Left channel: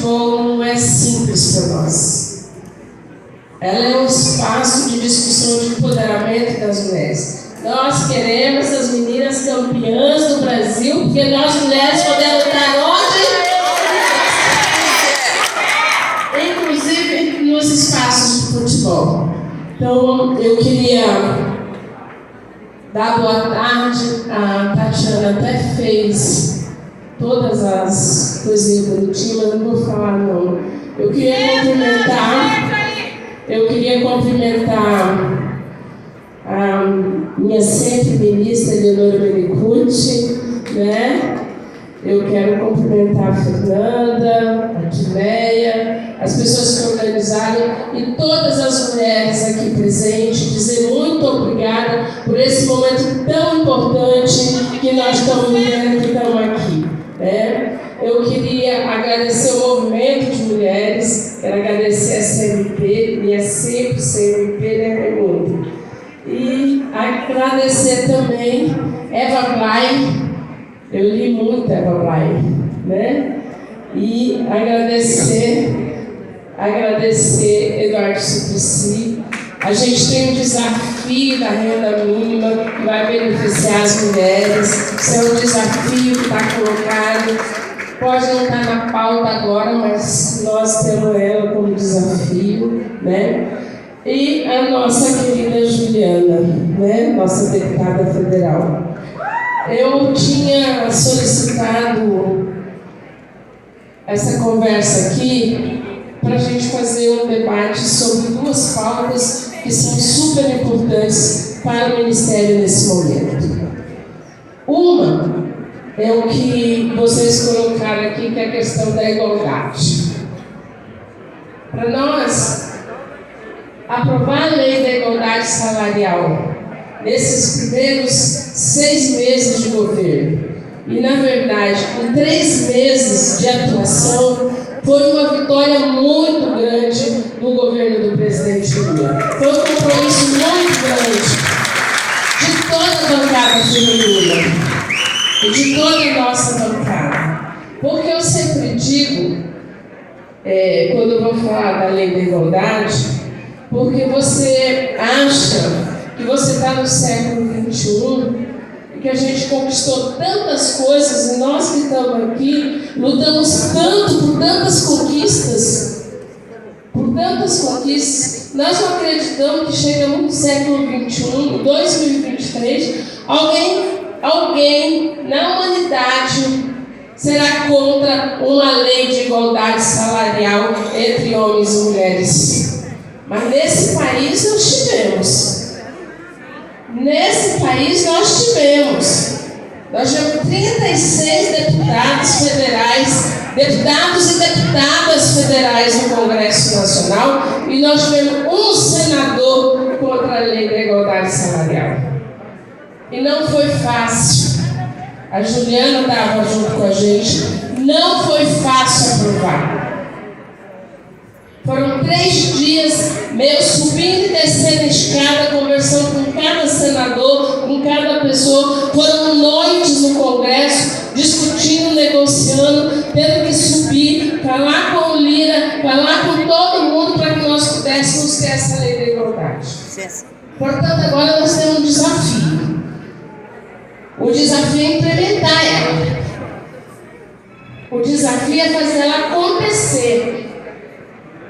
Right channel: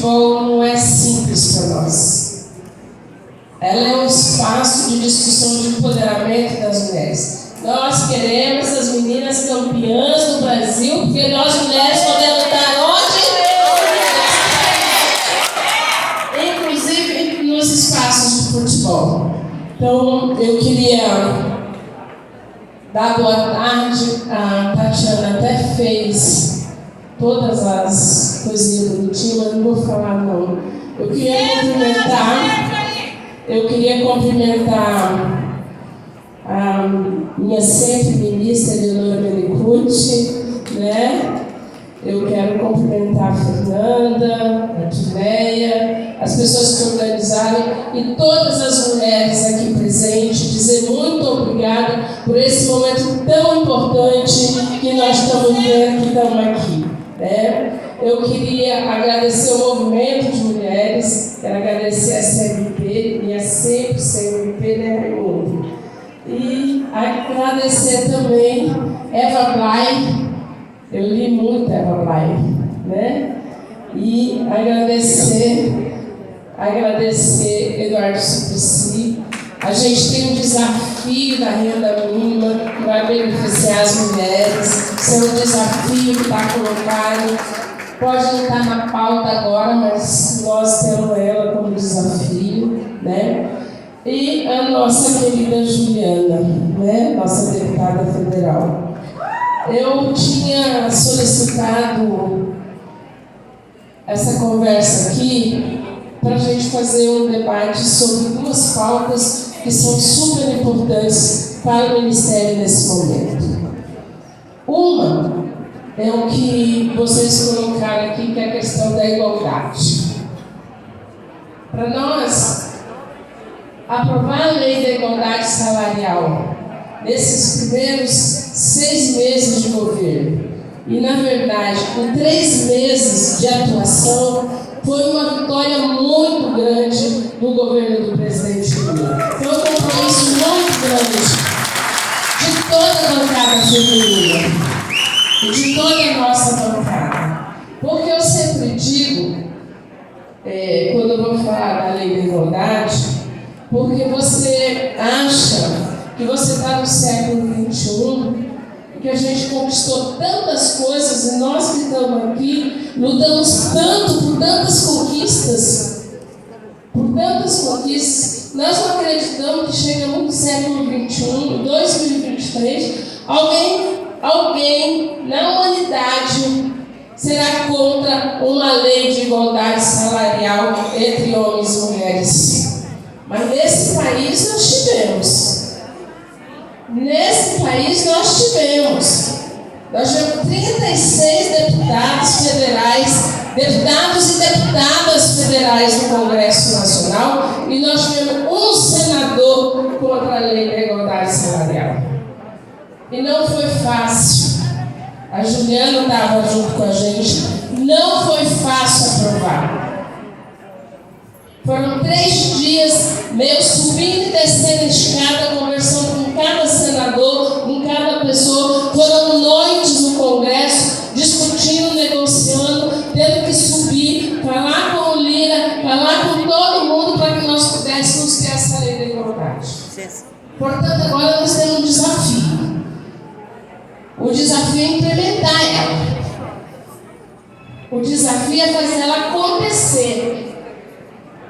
futebol não é simples para nós. Ela é um espaço de discussão de empoderamento das mulheres. Nós queremos as meninas campeãs do Brasil, porque nós mulheres podemos estar onde? Inclusive nos espaços de futebol. Então, eu queria dar boa tarde. A Tatiana até fez todas as coisinhas bonitinhas, mas não vou falar não. Eu queria cumprimentar a minha sempre ministra Eleonora Menicucci, né? Eu quero cumprimentar a Fernanda, a Tineia, as pessoas que organizaram e todas as mulheres aqui presentes, dizer muito obrigada por esse momento tão importante que nós estamos vivendo, que estamos aqui, né? Eu queria agradecer o movimento de mulheres, quero agradecer a CMP, e é sempre CMP, né, Raimundo? E agradecer também Eva Blay, eu li muito Eva Blay, né? E agradecer Eduardo Suplicy. A gente tem um desafio da renda mínima que vai beneficiar as mulheres. Esse é um desafio que está colocado. Pode não estar na pauta agora, mas nós temos ela como desafio, né? E a nossa querida Juliana, né? Nossa deputada federal. Eu tinha solicitado essa conversa aqui para a gente fazer um debate sobre duas pautas que são super importantes para o Ministério nesse momento. Uma é o que vocês colocaram aqui, que é a questão da igualdade. Para nós, aprovar a lei da igualdade salarial nesses primeiros 6 meses de governo, e na verdade, em 3 meses de atuação, foi uma vitória muito grande do governo do presidente Lula. Foi um compromisso muito grande de toda a bancada feminina e de toda a nossa bancada. Porque eu sempre digo, quando eu vou falar da lei da igualdade, porque você acha que você está no século XXI e que a gente conquistou tantas coisas, e nós que estamos aqui lutamos tanto por tantas conquistas, nós não acreditamos que chegamos no século XXI, 2023, alguém na humanidade será contra uma lei de igualdade salarial entre homens e mulheres. Mas nesse país nós tivemos. Nós tivemos 36 deputados e deputadas federais no Congresso Nacional, e nós tivemos um senador contra a lei da igualdade salarial. E não foi fácil. A Juliana estava junto com a gente. Não foi fácil aprovar. Foram 3 dias meio subindo e descendo a escada, conversando com cada senador, com cada pessoa. Foram noites no Congresso, discutindo, negociando, tendo que subir, falar com o Lira, falar com todo mundo para que nós pudéssemos ter essa lei da igualdade. Portanto, agora nós temos um desafio. O desafio é implementar ela. O desafio é fazer ela acontecer.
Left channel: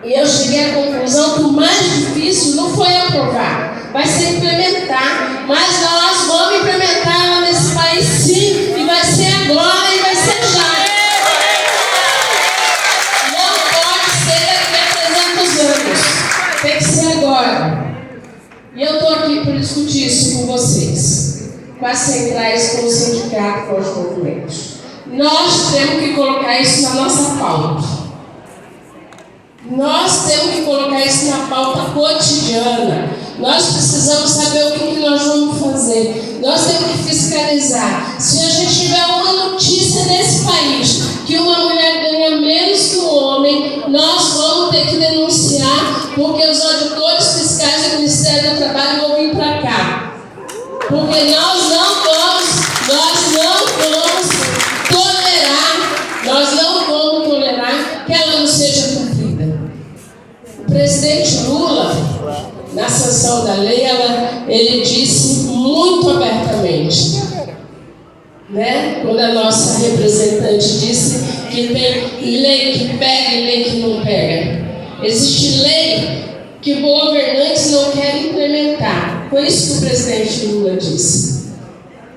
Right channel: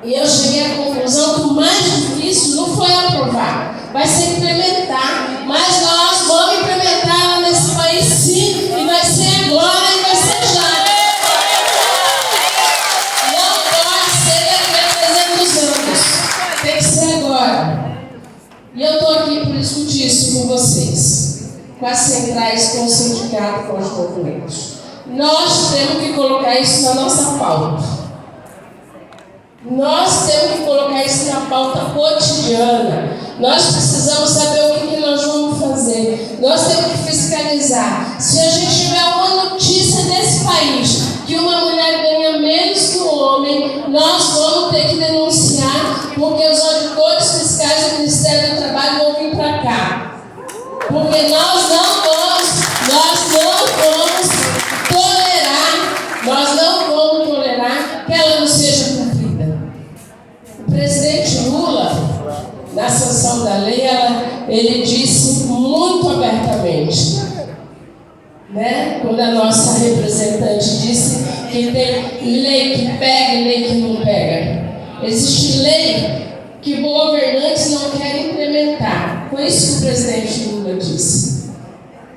E eu cheguei à conclusão que o mais difícil não foi aprovar, vai ser implementar. Mas nós vamos implementar ela nesse país sim, e vai ser agora e vai ser já. Não pode ser daqui a 300 anos, tem que ser agora. E eu estou aqui para discutir isso com vocês, com as centrais, com o sindicato, com os movimentos. Nós temos que colocar isso na nossa pauta. Nós temos que colocar isso na pauta cotidiana. Nós precisamos saber o que nós vamos fazer. Nós temos que fiscalizar. Se a gente tiver uma notícia nesse país que uma mulher ganha menos que um homem, nós vamos ter que denunciar, porque os auditores fiscais do Ministério do Trabalho vão vir para cá. Porque nós não vamos tolerar que ela nos a nossa representante disse que tem lei que pega e lei que não pega. Existe lei que governantes não querem implementar. Foi isso que o presidente Lula disse.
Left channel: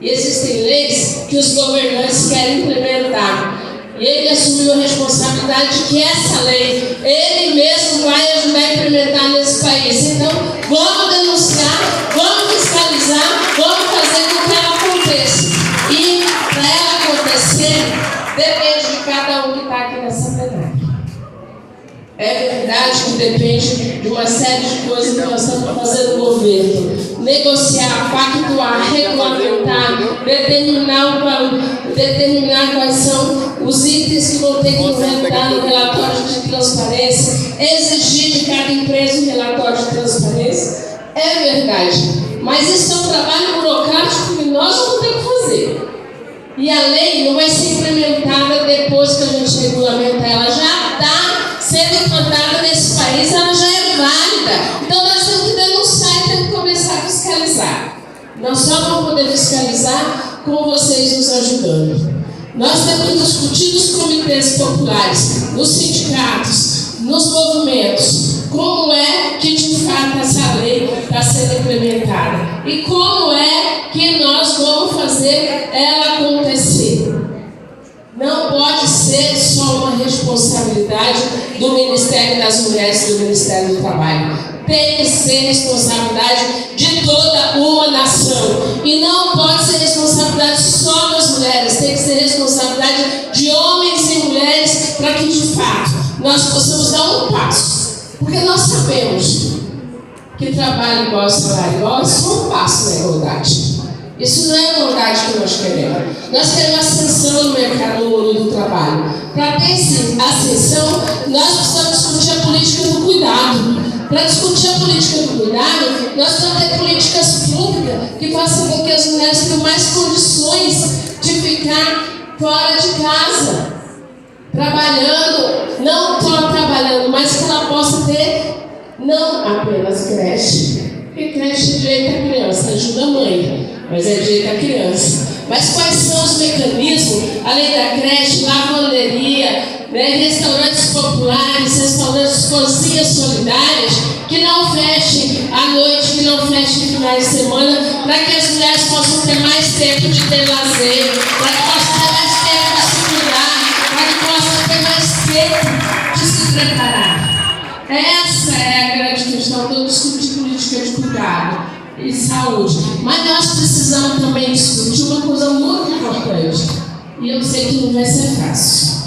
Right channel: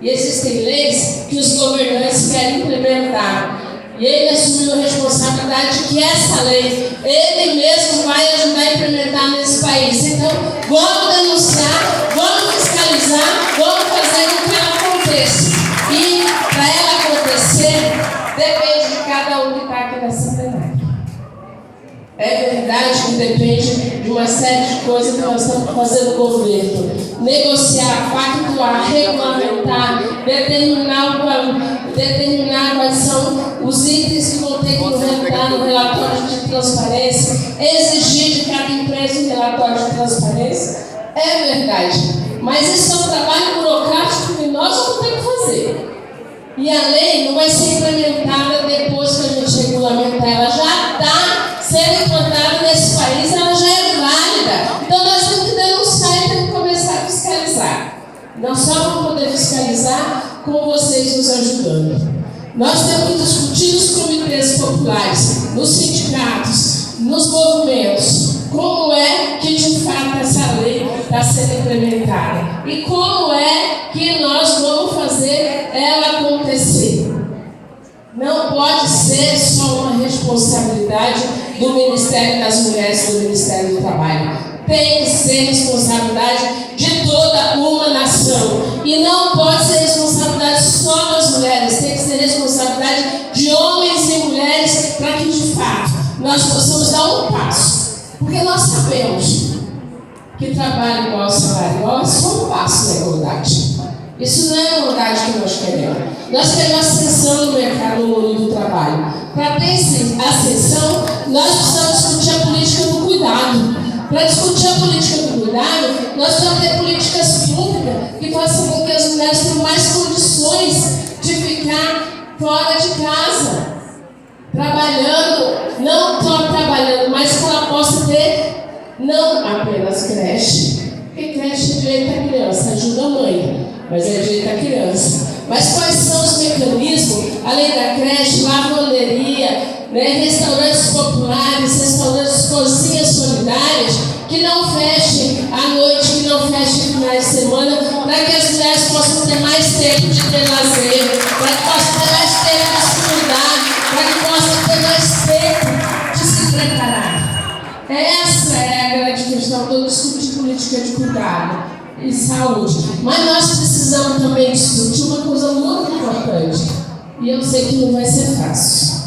E existem leis que os governantes querem implementar. E ele assumiu a responsabilidade de que essa lei, ele mesmo vai ajudar a implementar nesse país. Então, vamos denunciar, vamos fiscalizar, vamos fazer com que ela aconteça. E, para ela acontecer, depende de cada um que está aqui nessa plenária. É verdade que depende de uma série de coisas que nós estamos fazendo no governo. Negociar, pactuar, regulamentar, determinar quais são os itens que vão ter que entrar no relatório de transparência, exigir de cada empresa um relatório de transparência. É verdade. Mas isso é um trabalho burocrático que nós vamos ter que fazer. E a lei não vai ser implementada depois que a gente regulamentar. Ela já está sendo implantada nesse país, ela já é válida. Então nós temos que denunciar e temos que começar a fiscalizar. Nós só vamos poder fiscalizar com vocês nos ajudando. Nós temos que discutir nos comitês populares, nos sindicatos, nos movimentos, como é que de fato essa lei está sendo implementada e como é que nós vamos fazer ela acontecer. Não pode ser só uma responsabilidade do Ministério das Mulheres e do Ministério do Trabalho. Tem que ser responsabilidade de toda uma nação. E não pode ser responsabilidade só das mulheres, tem que ser responsabilidade de homens e mulheres para que, de fato, nós possamos dar um passo. Porque nós sabemos que trabalho igual, salário igual é só um passo na igualdade. Isso não é a igualdade que nós queremos. Nós queremos ascensão no mercado, no mundo do trabalho. Para ter essa ascensão, nós precisamos discutir a política do cuidado. Para discutir a política do cuidado, nós precisamos ter políticas públicas que façam com que as mulheres tenham mais condições de ficar fora de casa, trabalhando, não só trabalhando, mas que ela possa ter não apenas creche, porque creche é direito à criança, ajuda a mãe, mas é direito à criança. Mas quais são os mecanismos, além da creche, lavanderia, restaurantes populares, restaurantes, cozinhas solidárias, que não fechem à noite, que não fechem finais de semana, para que as mulheres possam ter mais tempo de ter lazer, para que possam ter mais tempo de se cuidar, para que possam ter mais tempo de se preparar. Essa é a grande questão do discutir política de cuidado e saúde. Mas nós precisamos também discutir uma coisa muito importante. E eu sei que não vai ser fácil.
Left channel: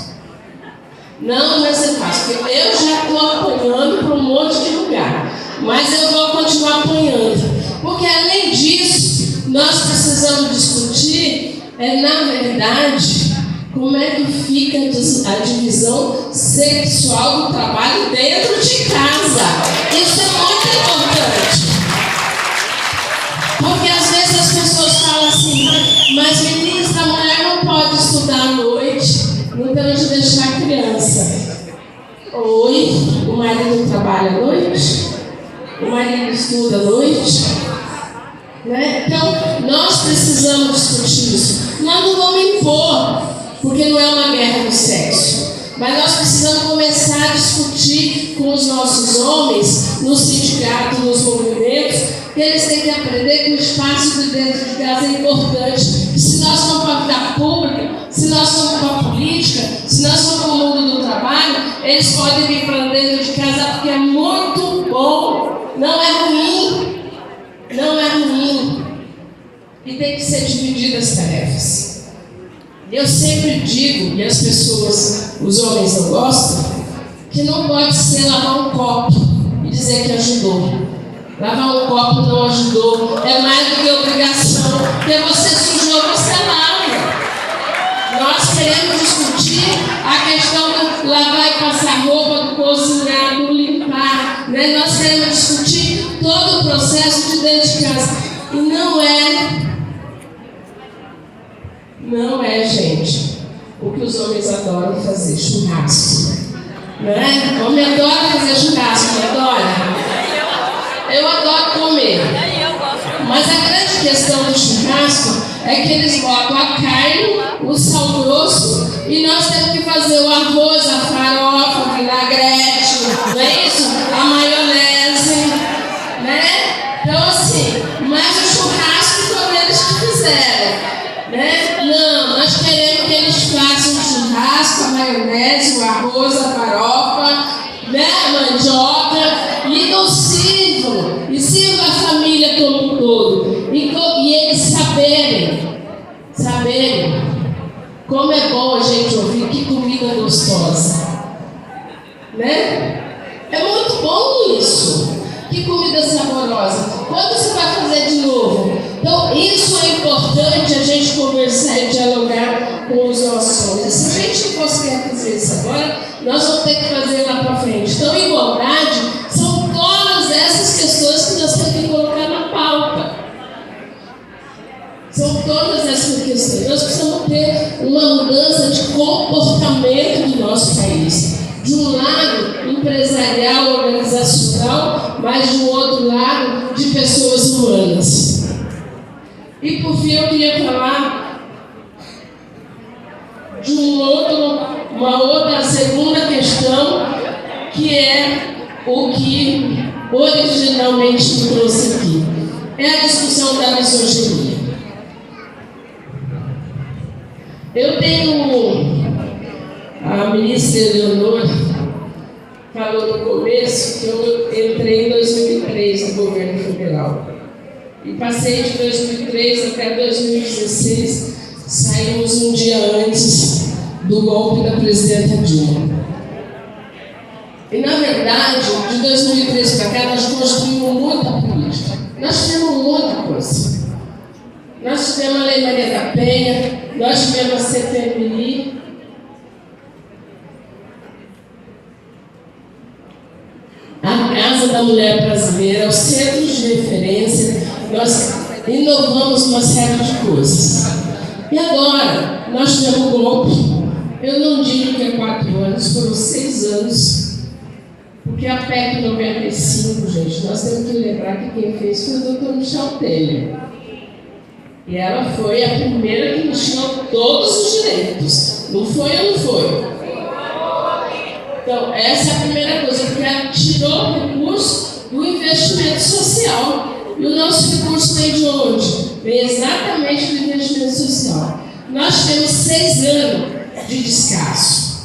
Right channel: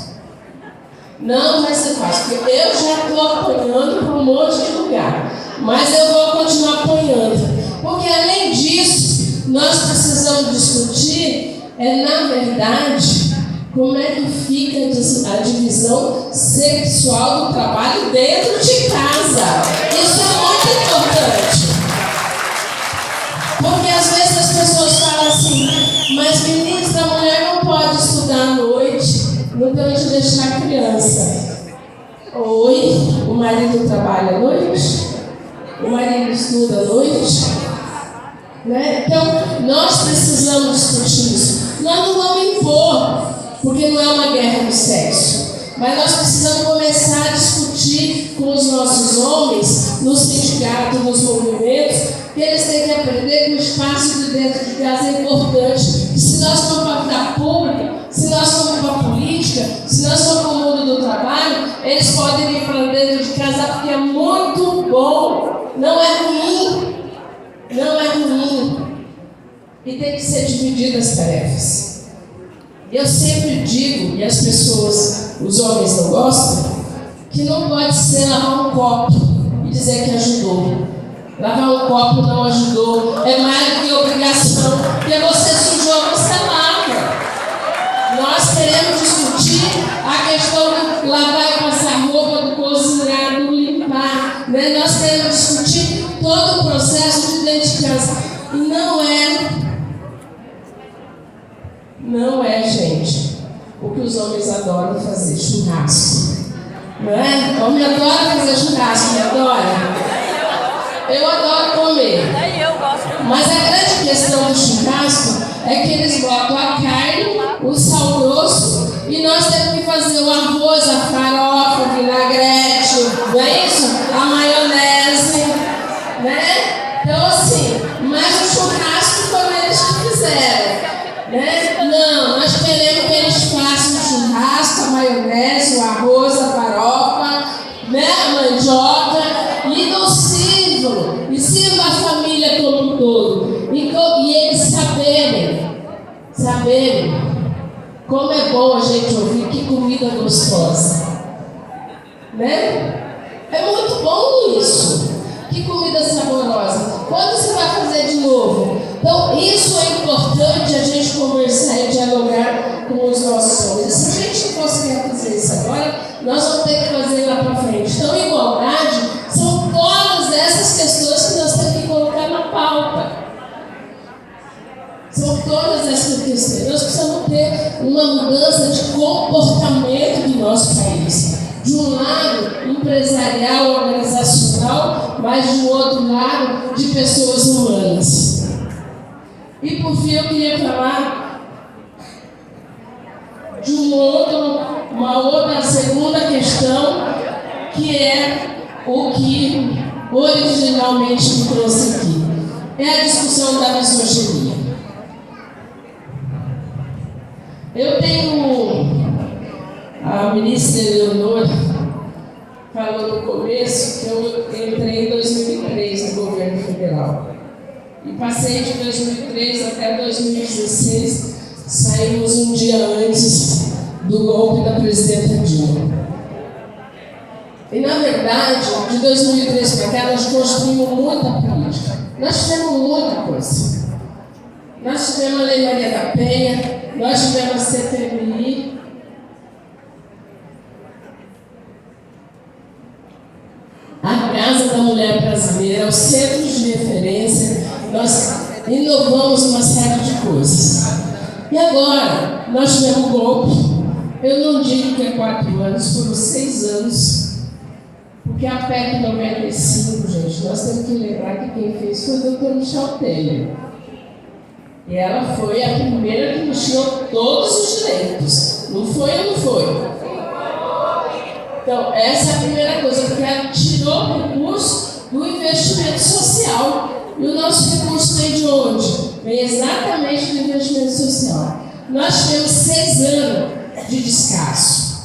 Não vai ser fácil, porque eu já estou apanhando para um monte de lugar. Mas eu vou continuar apanhando. Porque além disso, nós precisamos discutir, na verdade, como é que fica a divisão sexual do trabalho dentro de casa. Isso é muito importante. Porque às vezes as pessoas falam assim, mas ministra, a mulher não pode estudar à noite, não tem onde deixar a criança. Oi, o marido trabalha à noite, o marido estuda à noite. Então, nós precisamos discutir isso. Nós não vamos impor, porque não é uma guerra do sexo. Mas nós precisamos começar a discutir com os nossos homens, nos sindicatos, nos movimentos, que eles têm que aprender que o espaço de dentro de casa é importante. Que se nós formos para a vida pública, se nós formos para a política, se nós formos para o mundo do trabalho, eles podem vir para dentro de casa porque é muito bom. Não é ruim. Não é ruim. E tem que ser divididas as tarefas. Eu sempre digo, e as pessoas, os homens não gostam, que não pode ser lavar um copo e dizer que ajudou. Lavar um copo não ajudou, é mais do que obrigação, porque você sujou, você lava. Nós queremos discutir a questão do lavar e passar roupa, do cozinhar, do limpar. Nós queremos discutir todo o processo de dentro de casa. E não é, gente, o que os homens adoram fazer, churrasco. O homem adora fazer churrasco, me adora. Eu adoro comer. Mas a grande questão do churrasco é que eles botam a carne, o sal arroz, a farofa, né, a mandioca, e não sirvam, e sirvam a família como um todo. E eles saberem como é bom a gente ouvir que comida gostosa, né? É muito bom isso. Que comida saborosa. Quando você vai fazer de novo? Então, isso é importante a gente conversar e dialogar com os nossos homens. Se a gente não conseguir fazer isso agora, nós vamos ter que fazer lá para frente. Então, igualdade são todas essas questões que nós temos que colocar na pauta. São todas essas questões. Nós precisamos ter uma mudança de comportamento do nosso país. De um lado empresarial, organizacional, mas de um outro lado de pessoas humanas. E por fim eu queria falar de uma outra segunda questão, que é o que originalmente me trouxe aqui. É a discussão da misoginia. Eu tenho a ministra Eleonor falou no começo que eu entrei em 2003 no governo federal. E passei de 2003 até 2016, saímos um dia antes do golpe da presidenta Dilma. E, na verdade, de 2003 para cá, nós construímos muita política. Nós tivemos muita coisa. Nós tivemos a Lei Maria da Penha, nós tivemos a CPMI, a Casa da Mulher Brasileira, os centros de referência, nós inovamos uma série de coisas. E agora, nós tivemos um golpe, eu não digo que é 4 anos, foram 6 anos, porque a PEC 95, gente, nós temos que lembrar que quem fez foi o Dr. Michel Temer. E ela foi a primeira que nos tirou todos os direitos. Não foi ou não foi? Então, essa é a primeira coisa, porque ela tirou o recurso do investimento social. E o nosso recurso vem de onde? Vem exatamente do investimento social. Nós tivemos 6 anos de descaso.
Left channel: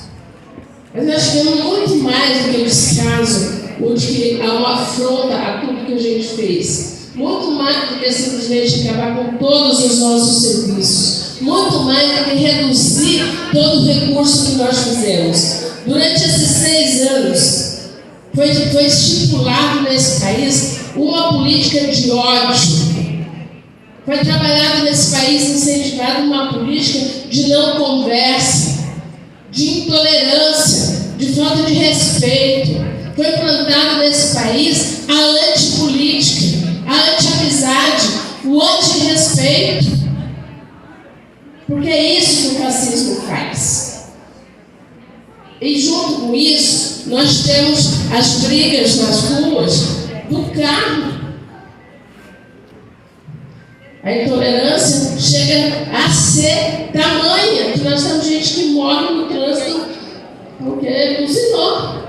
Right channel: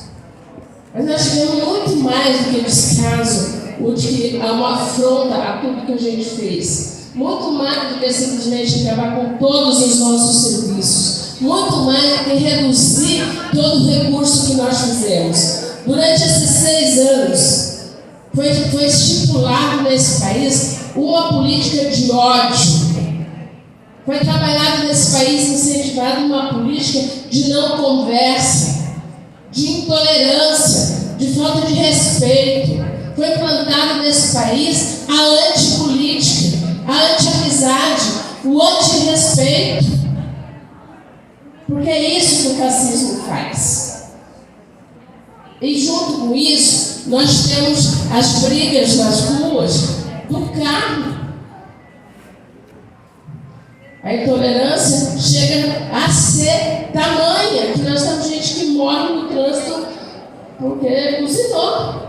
Mas nós tivemos muito mais do que descaso, o que há uma afronta a tudo que a gente fez. Muito mais do que simplesmente acabar com todos os nossos serviços. Muito mais do que reduzir todo o recurso que nós fizemos. Durante esses 6 anos, foi estipulado nesse país uma política de ódio. Foi trabalhado nesse país, incentivado uma política de não conversa, de intolerância, de falta de respeito. Foi plantado nesse país a antipolítica, a anti-amizade, o anti-respeito. Porque é isso que o fascismo faz. E junto com isso, nós temos as brigas nas ruas do carro. A intolerância chega a ser tamanha, que nós temos gente que morre no trânsito porque buzinou.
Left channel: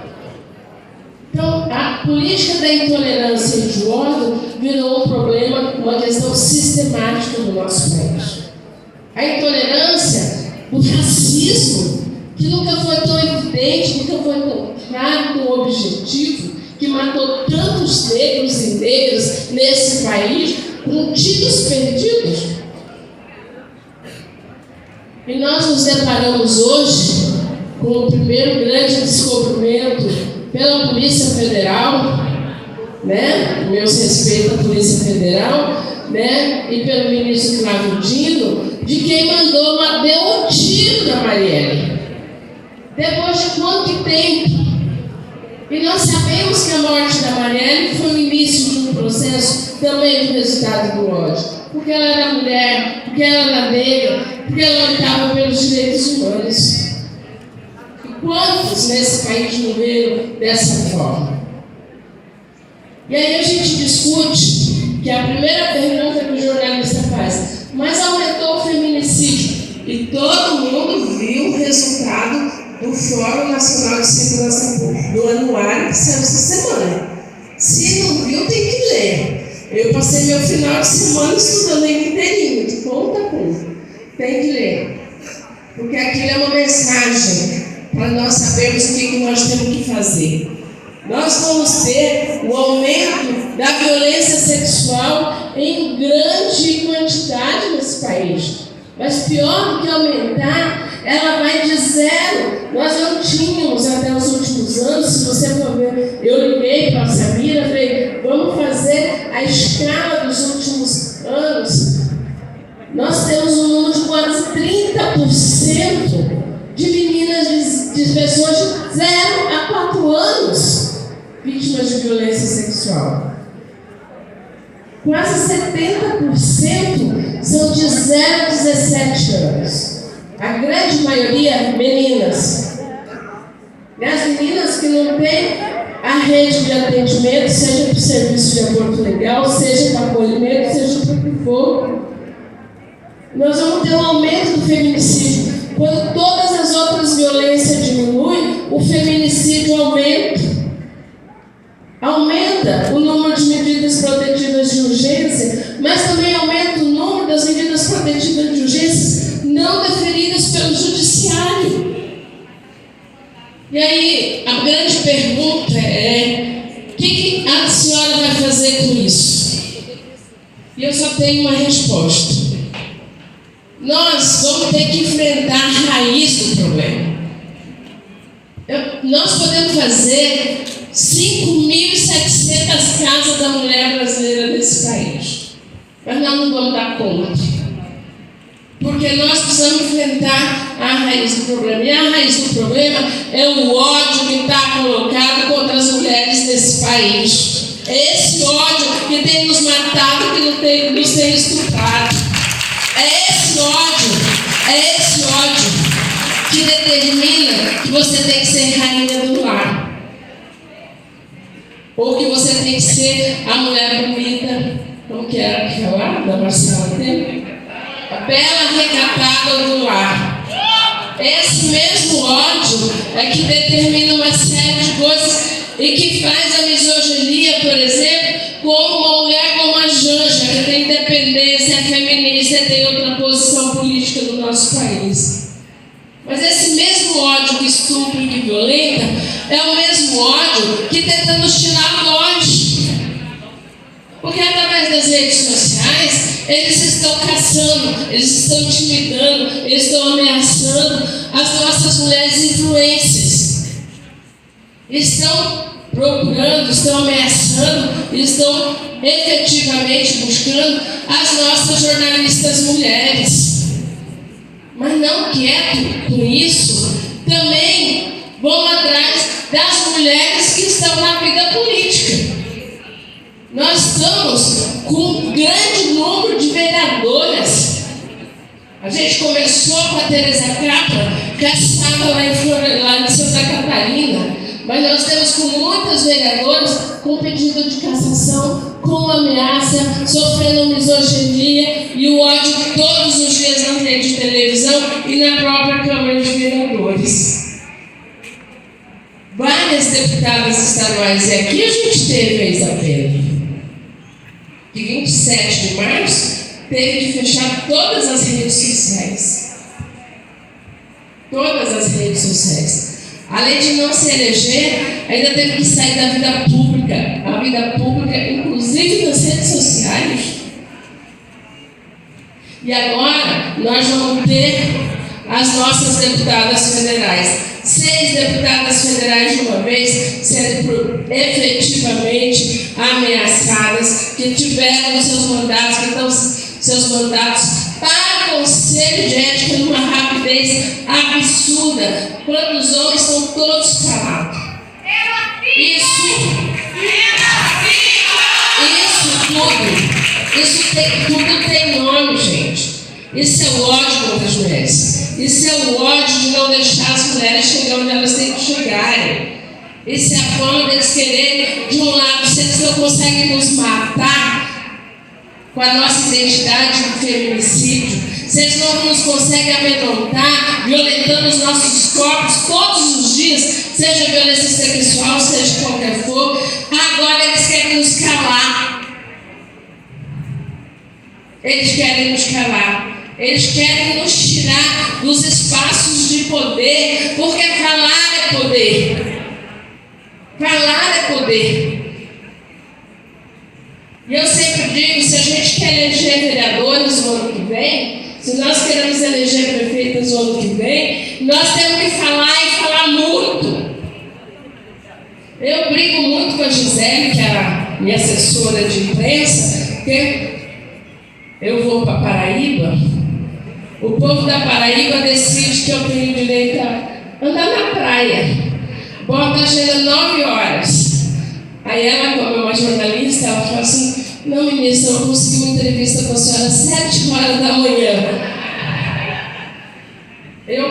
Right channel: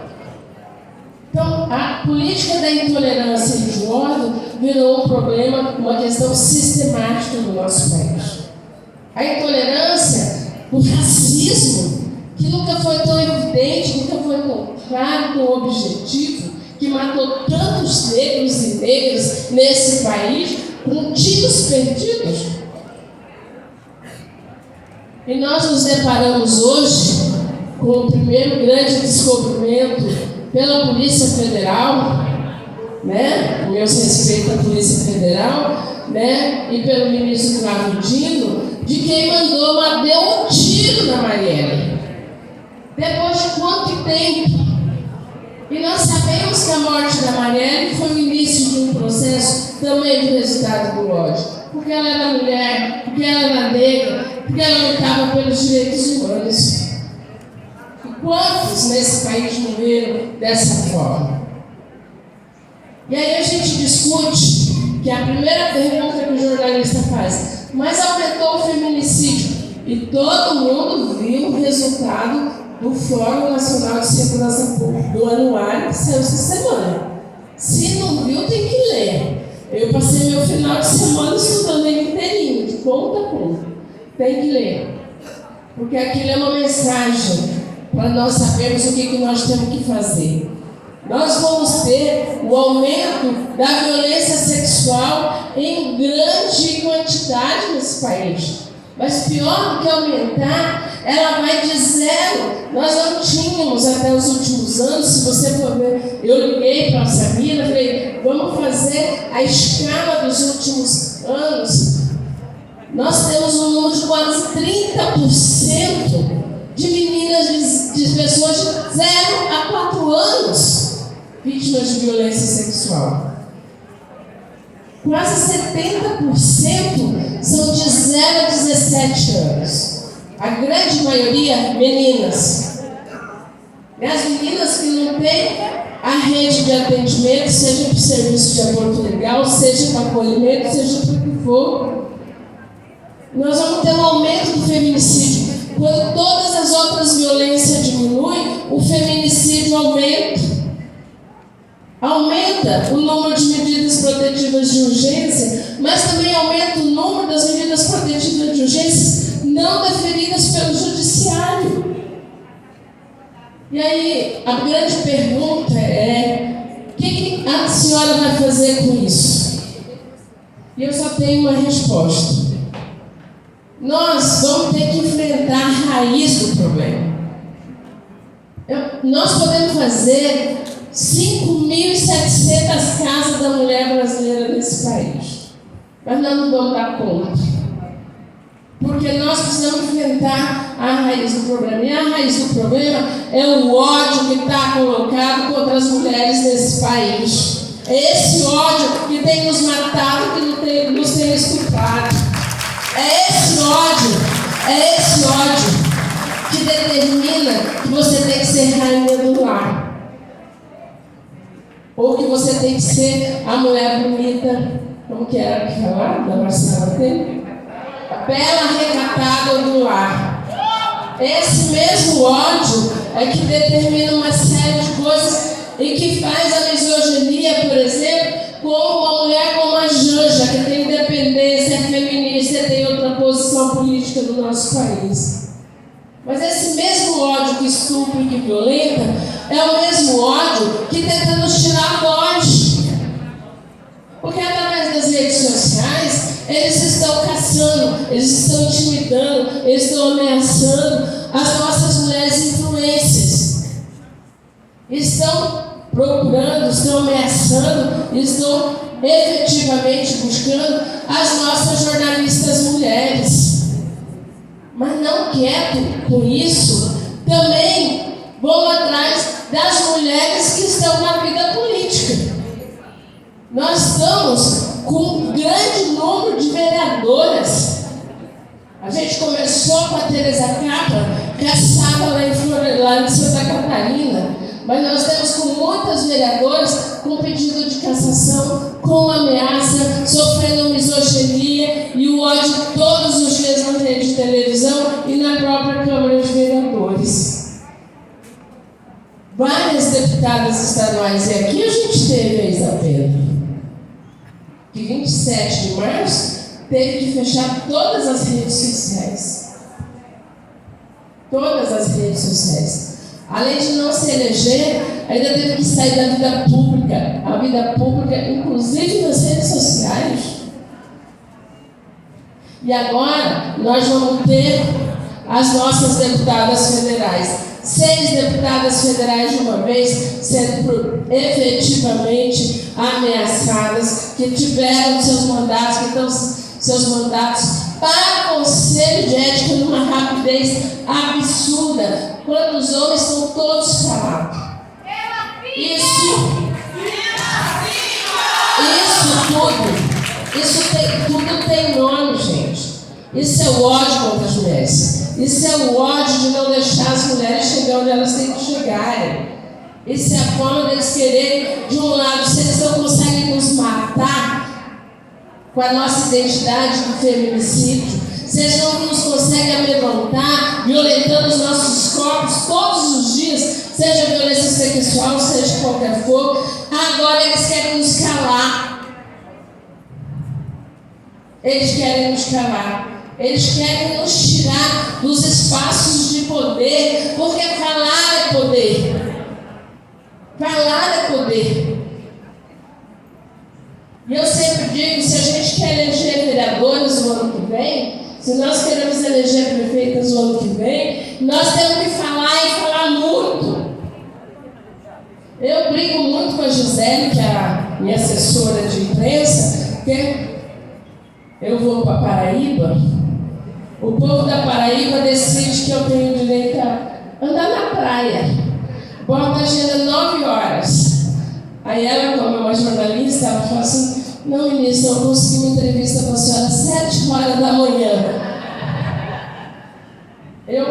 Então, a política da intolerância e do ódio virou um problema, uma questão sistemática no nosso país. A intolerância, o racismo, que nunca foi tão evidente, nunca foi tão claro, tão objetivo, que matou tantos negros e negras nesse país, com tiros perdidos. E nós nos deparamos hoje com o primeiro grande descobrimento pela Polícia Federal, né? Meus respeitos à Polícia Federal, né? E pelo ministro Flávio Dino, de quem deu um tiro na Marielle. Depois de quanto tempo? E nós sabemos que a morte da Marielle foi o início de um processo também de resultado do ódio. Porque ela era mulher, porque ela era negra, porque ela lutava pelos direitos humanos. Quantos nesse país morreram dessa forma? E aí a gente discute que a primeira pergunta que o jornalista faz, mas aumentou o feminicídio. E todo mundo viu o resultado do Fórum Nacional de Segurança Pública, do anuário que saiu essa semana. Se não viu, tem que ler. Eu passei meu final de semana estudando ele inteirinho, de ponta a ponta. Tem que ler. Porque aquilo é uma mensagem para nós sabermos o que nós temos que fazer. Nós vamos ter o aumento da violência sexual em grande quantidade nesse país. Mas pior do que aumentar, ela vai de zero. Nós não tínhamos até os últimos anos, se você for ver, eu liguei para a Samira, falei, vamos fazer a escala dos últimos anos. Nós temos um número de quase 30% de meninas, de pessoas de 0 a 4 anos vítimas de violência sexual. Quase 70% são de 0 a 17 anos. A grande maioria, meninas. E as meninas que não têm a rede de atendimento, seja para o serviço de aborto legal, seja para acolhimento, seja para o que for. Nós vamos ter um aumento do feminicídio. Quando todas as outras violências diminuem, o feminicídio aumenta. Aumenta o número de medidas protetivas de urgência, mas também aumenta o número das medidas protetivas de urgência não deferidas pelo judiciário. E aí, a grande pergunta é: o que a senhora vai fazer com isso? E eu só tenho uma resposta. Nós vamos ter que enfrentar a raiz do problema. Nós podemos fazer 5.700 casas da mulher brasileira nesse país, mas nós não vamos dar conta, porque nós precisamos enfrentar a raiz do problema. E a raiz do problema é o ódio que está colocado contra as mulheres nesse país. É esse ódio que tem nos matado, que nos tem estuprado. É esse ódio que determina que você tem que ser rainha do lar, ou que você tem que ser a mulher bonita, como que era que falava, da Marcela Temer? A bela recatada do lar. Esse mesmo ódio é que determina uma série de coisas e que faz a misoginia, por exemplo, como uma mulher como a Janja, que tem independência, é feminista e tem outra posição política do nosso país. Mas esse mesmo ódio que estupra e que violenta é o mesmo ódio que tenta nos tirar a voz. Porque através das redes sociais, eles estão caçando, eles estão intimidando, eles estão ameaçando as nossas mulheres influências. Estão procurando, estão ameaçando, estão efetivamente buscando as nossas jornalistas mulheres. Mas não quieto com isso, também vão atrás das mulheres que estão na vida política. Nós estamos com um grande número de vereadoras. A gente começou com a Tereza Capa, que estava lá em Santa Catarina, mas nós temos com muitas vereadoras com pedido de cassação, com ameaça, sofrendo misoginia e o ódio todos os dias na rede de televisão e na própria Câmara de Vereadores. Várias deputadas estaduais, e aqui a gente teve a Isabela, que 27 de março teve que fechar todas as redes sociais. Todas as redes sociais. Além de não se eleger, ainda teve que sair da vida pública. A vida pública, inclusive nas redes sociais. E agora, nós vamos ter as nossas deputadas federais. 6 deputadas federais de uma vez sendo efetivamente ameaçadas, que tiveram seus mandatos, que estão seus mandatos para o Conselho de Ética numa rapidez absurda, quando os homens estão todos calados. Tudo tem nome, gente. Isso é o ódio contra as mulheres. Isso é o ódio de não deixar as mulheres chegar onde elas têm que chegarem. Isso é a forma deles quererem, de um lado, se eles não conseguem nos matar com a nossa identidade de feminicídio, se eles não nos conseguem amedrontar, violentando os nossos corpos todos os dias, seja violência sexual, seja qualquer for, agora eles querem nos calar. Eles querem nos calar. Eles querem nos tirar dos espaços de poder, porque falar é poder. Falar é poder. E eu sempre digo, se a gente quer eleger vereadores no ano que vem, se nós queremos eleger prefeitos no ano que vem, nós temos que falar e falar muito. Eu brigo muito com a Gisele, que é a minha assessora de imprensa, porque eu vou para Paraíba, o povo da Paraíba decide que eu tenho direito a andar na praia. Bota a agenda 9 horas. Aí ela, como é uma jornalista, ela fala assim: não, ministra, eu consegui uma entrevista com a senhora às 7 horas da manhã.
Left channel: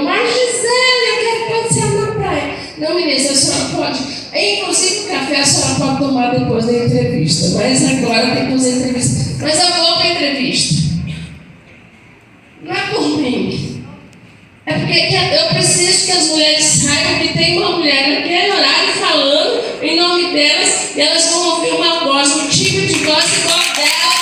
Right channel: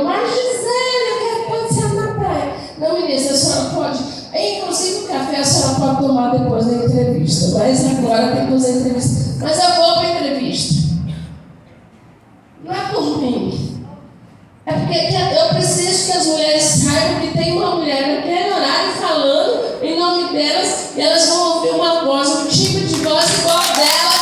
Mas Gisele, eu quero passear na praia. Não, ministra, a senhora pode. Inclusive o café a senhora pode tomar depois da entrevista. Mas agora tem que fazer entrevista. Mas eu vou para a entrevista. Não é por mim. É porque eu preciso que as mulheres saibam que tem uma mulher naquele horário falando em nome delas, e elas vão ouvir uma voz, um tipo de voz igual delas.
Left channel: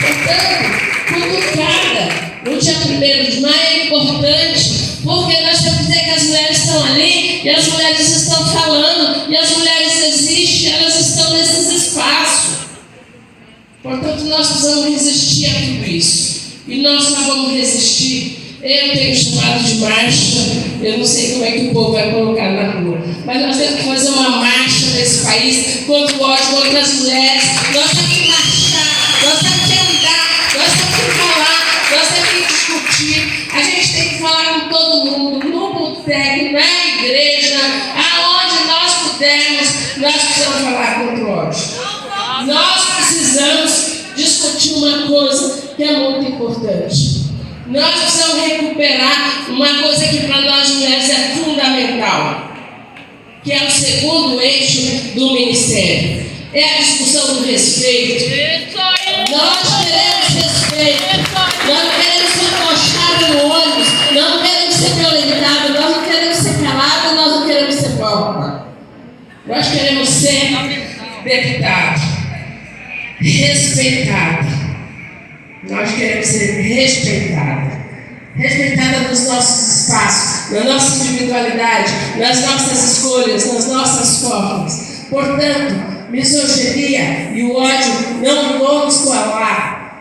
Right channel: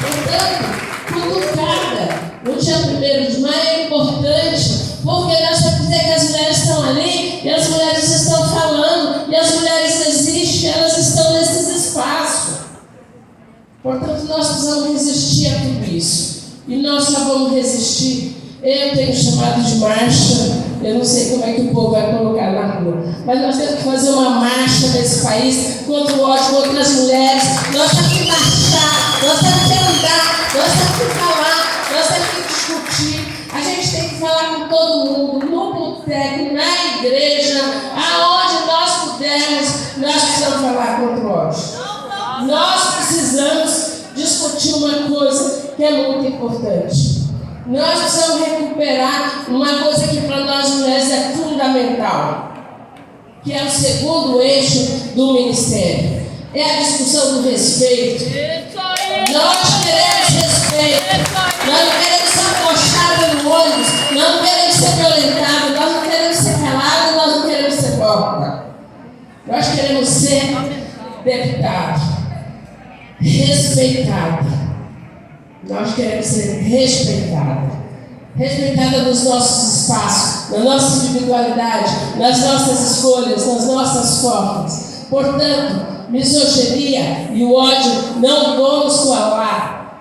Portanto, cutucada no dia 1º de maio é importante, porque nós temos que dizer que as mulheres estão ali, e as mulheres estão falando, e as mulheres existem, elas estão nesses espaços. Portanto, nós precisamos resistir a tudo isso. E nós só vamos resistir. Eu tenho chamado de marcha, eu não sei como é que o povo vai colocar na rua, mas nós temos que fazer uma marcha nesse país contra o ódio, contra as mulheres. Nós temos que marchar, nós temos que andar, nós temos que falar, nós temos que discutir. A gente tem que falar com todo mundo, no boteco, na igreja, aonde nós pudermos, nós precisamos falar contra o ódio. Nós precisamos discutir uma coisa que é muito importante. Nós precisamos recuperar uma coisa que para nós mulheres é fundamental, que é o segundo eixo do ministério. É a discussão do respeito. Nós queremos respeito. Nós não queremos ser encostados no ônibus. Nós não queremos ser violentados. Nós não queremos ser calados. Nós não queremos ser porta. Nós queremos ser deputados. Respeitado. Nós queremos ser respeitados. Respeitada nos nossos espaços, na nossa individualidade, nas nossas escolhas, nas nossas formas. Portanto, misoginia e o ódio não vamos colar.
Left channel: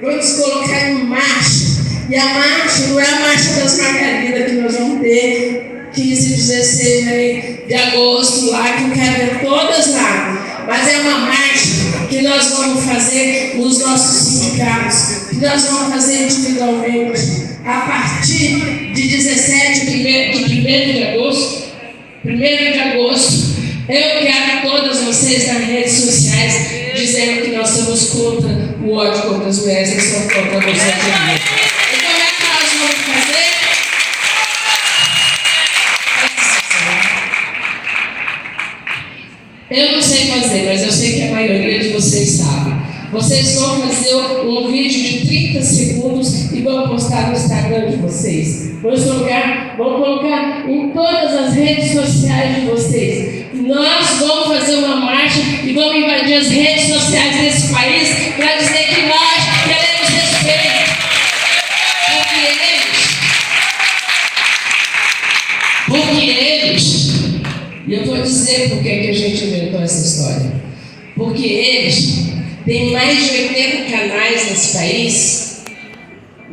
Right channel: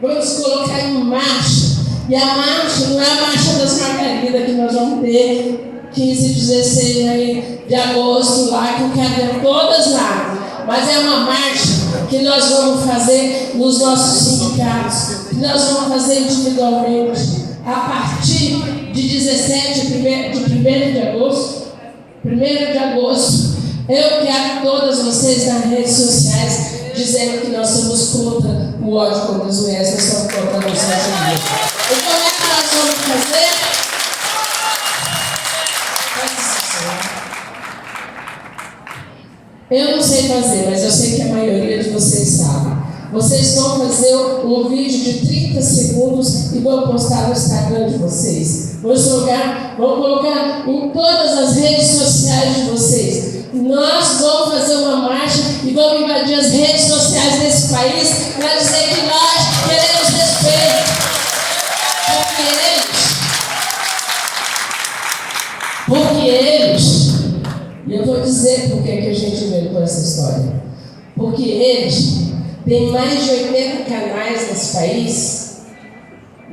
Vamos colocar em marcha. E a marcha não é a marcha das Margaridas que nós vamos ter 15 e 16 de agosto lá, que eu quero ver todas lá. Mas é uma marcha que nós vamos fazer nos nossos sindicatos, que nós vamos fazer individualmente, a partir de 1º de agosto, eu quero todas vocês nas redes sociais dizendo que nós somos contra o ódio contra as mulheres, nós somos contra vocês. E como é que nós vamos fazer? Eu não sei fazer, mas eu sei que a maioria de vocês sabe. Vocês vão fazer um vídeo de 30 segundos e vão postar no Instagram de vocês. Vão colocar em todas as redes sociais de vocês. Nós vamos fazer uma marcha e vamos invadir as redes sociais desse país para dizer que nós queremos respeito. Porque eles, e eu vou dizer por que a gente inventou essa história. Porque eles têm mais de 80 canais nesse país,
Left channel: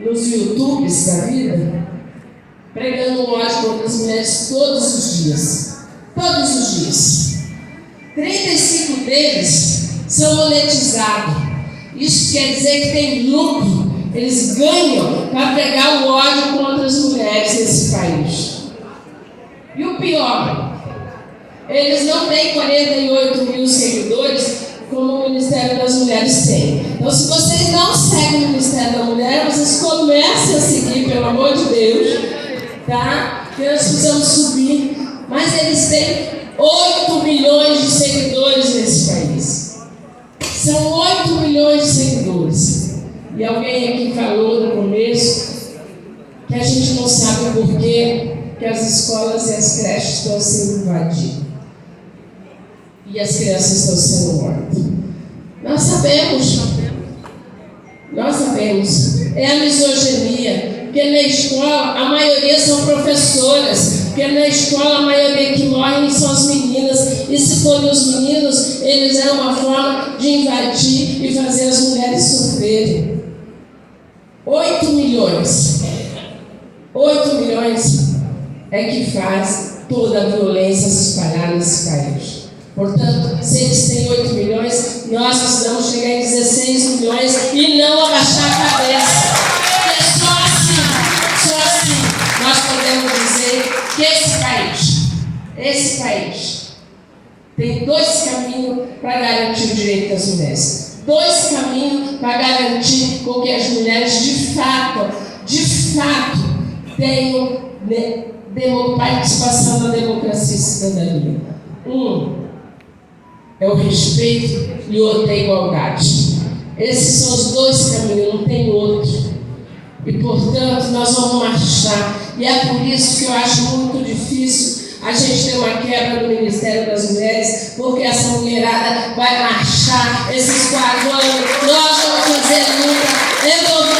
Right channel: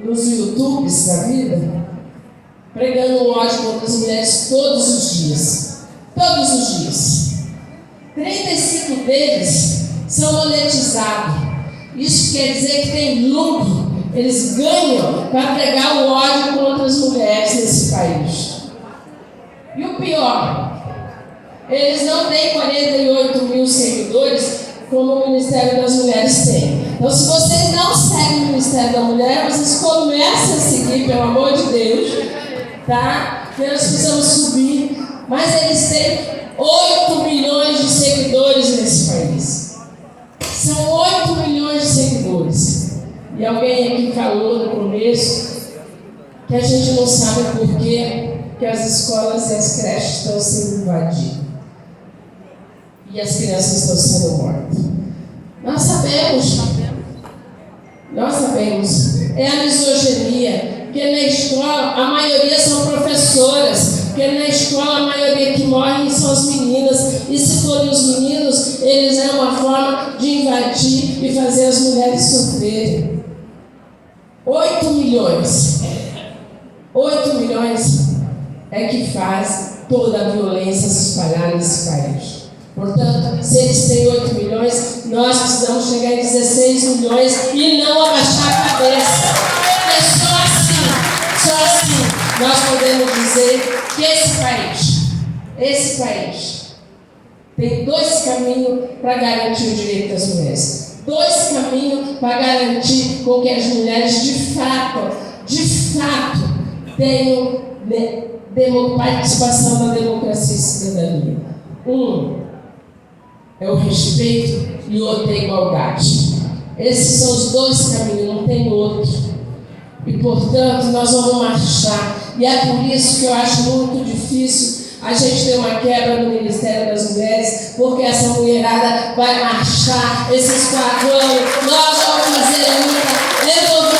nos YouTubes da vida, pregando o ódio contra as mulheres todos os dias. Todos os dias. 35 deles são monetizados. Isso quer dizer que tem lucro. Eles ganham para pregar o ódio contra as mulheres nesse país. E o pior, eles não têm 48 mil seguidores como o Ministério das Mulheres tem. Então, se vocês não seguem o Ministério da Mulher, vocês comecem a seguir, pelo amor de Deus, tá? Porque nós precisamos subir. Mas eles têm 8 milhões de seguidores nesse país. São 8 milhões de seguidores. E alguém aqui falou no começo que a gente não sabe por quê que as escolas e as creches estão sendo invadidas. e as crianças estão sendo mortas. Nós sabemos. É a misoginia, porque na escola a maioria são professoras, porque na escola a maioria que morrem são as meninas, e se forem os meninos, eles é uma forma de invadir e fazer as mulheres sofrerem. 8 milhões é que faz toda a violência se espalhar nesse país. Portanto, se eles têm 8 milhões, nós precisamos chegar em 16 milhões e não abaixar a cabeça. Porque só assim nós podemos dizer que esse país tem 2 caminhos para garantir o direito das mulheres. 2 caminhos para garantir com que as mulheres de fato tenham participação na democracia e cidadania. É o respeito e o outro é a igualdade. Esses são os 2 caminhos, não tem outro. E, portanto, nós vamos marchar. E é por isso que eu acho muito difícil a gente ter uma quebra no Ministério das Mulheres, porque essa mulherada vai marchar esses 4 anos. Nós vamos fazer luta.